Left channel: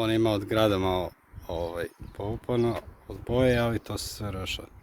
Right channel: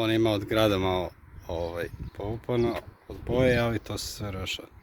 On ima od grada malo povupano od boje, ali to se sve rešava.